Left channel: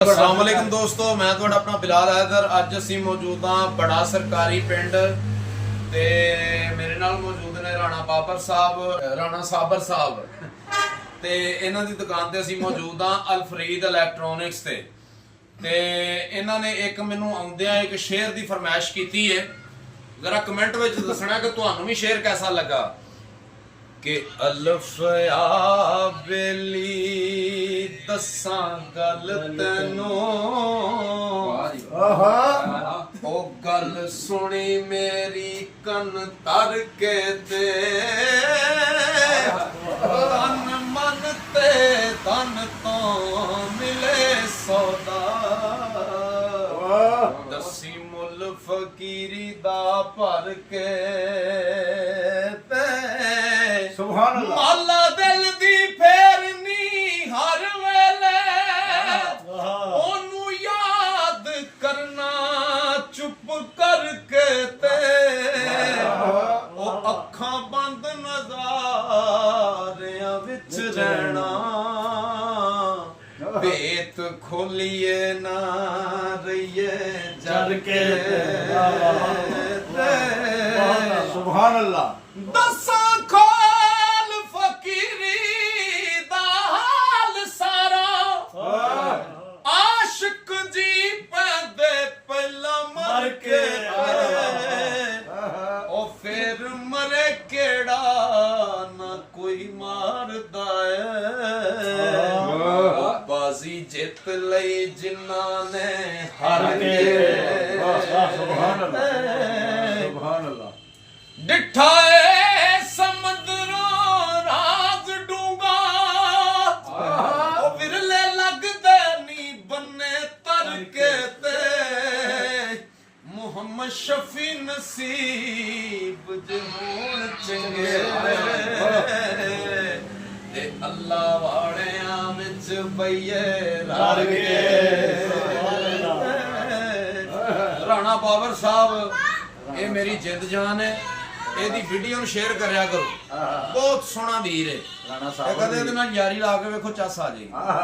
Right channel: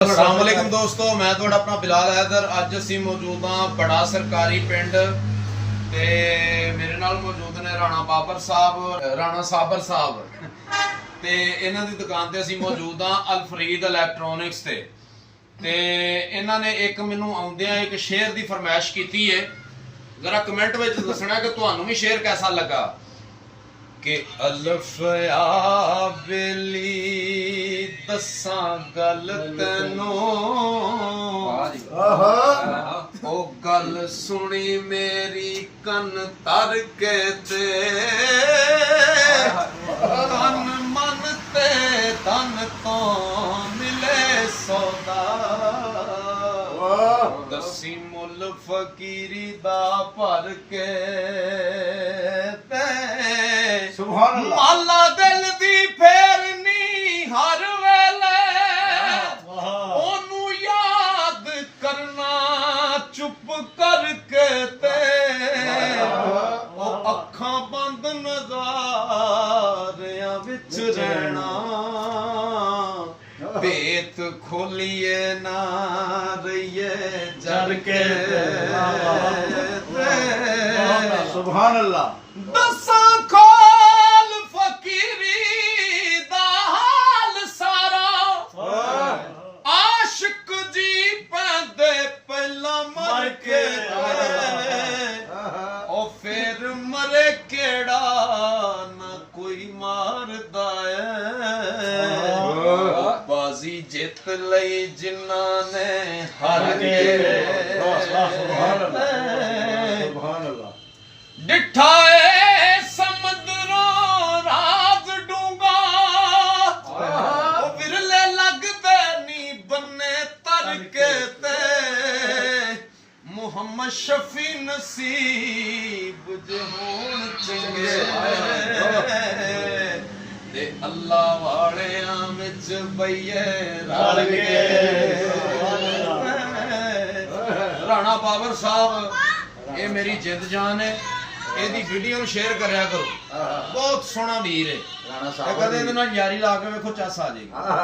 अस्सलाम वालेकुम दोस्तों, मैं ਤੁਹਾਡਾ ਆਪਣਾ ਬਿਲਾਲ हैदर। ਅੱਜ ਅਸੀਂ ਮੌਜੂਦ ਹਾਂ ਬੜਾ ਸਰਕਾਰੀ ਪਿੰਡ ਤੇ ਮੇਰੇ ਨਾਲ ਮੌਜੂਦ ਨੇ ਰਾਣਾ ਬਾਬਰ ਸਾਹਿਬ, ਰਾਣਾ ਸਾਬਰ ਸਾਹਿਬ ਤੇ ਇਹਨਾਂ ਦੀ ਦੁਕਾਨ ਤੇ ਅਸੀਂ ਮੌਜੂਦ ਹਾਂ ਅਲਫਰੀਦ ਇਲੈਕਟ੍ਰੋਨਿਕਸ ਤੇ ਇਹਨਾਂ ਨੇ ਇੱਕ ਮੈਨੂੰ ਆਉਂਦਿਆਂ ਇੱਕ ਸ਼ੇਅਰ ਦੀ ਫਰਮਾਇਸ਼ ਕੀਤੀ ਹੈ। ਜ਼ਰਾ ਕਮੈਂਟ ਵਿੱਚ ਦੱਸਣਾ ਕਿ ਤੁਹਾਨੂੰ ਵੀ ਸ਼ੇਅਰ ਕਿਹਦਾ ਲੱਗਾ। कि अल्फ आ बेली दसा गल तेनों ओ गल सुनी मेरी कन तर के ते तन मन ते तन तो मिले सौदा दसी मुल फकीरी दा भर के माला दिल दी फेरनी हर वेले ओनू याद करना चुप करके ते ओ अखां बंद नज़ारियां विच रहना भेत खोलिए ना रहिए जर के सुभान अल्लाह। दसा खोल फकीरी दा हाल सारा आशिक जी पैंदे पहला मर के ओ फिर मरे केड़ा ना कोई मारदा है बाजी जित लई जिन्ना ने हार के सुभान अल्लाह। डिठा समुद्रों राज डूंगा विरले लगदे नी बन्ने तर के ते मुहम्मद शफी नसीब जे होण चंगे ते अल्लाह वालियां विच बईए रल के। राणा बाबर साहब ये मेरी जिंद जान है। ਇਹਦੀ ਵੀਡੀਓ ਨੂੰ ਸ਼ੇਅਰ ਕਰਿਆ ਕਰੋ। ਬਹੁਤ ਸੋਹਣਾ ਵੀਰ ਹੈ। ਰਾਣਾ ਇਹ ਕਦੇ ਇਹਦੇ ਨਾਲ ਯਾਰੀ ਲਾ ਕੇ ਵੇਖੋ ਚੱਸ ਆ ਜਾਏਗੀ।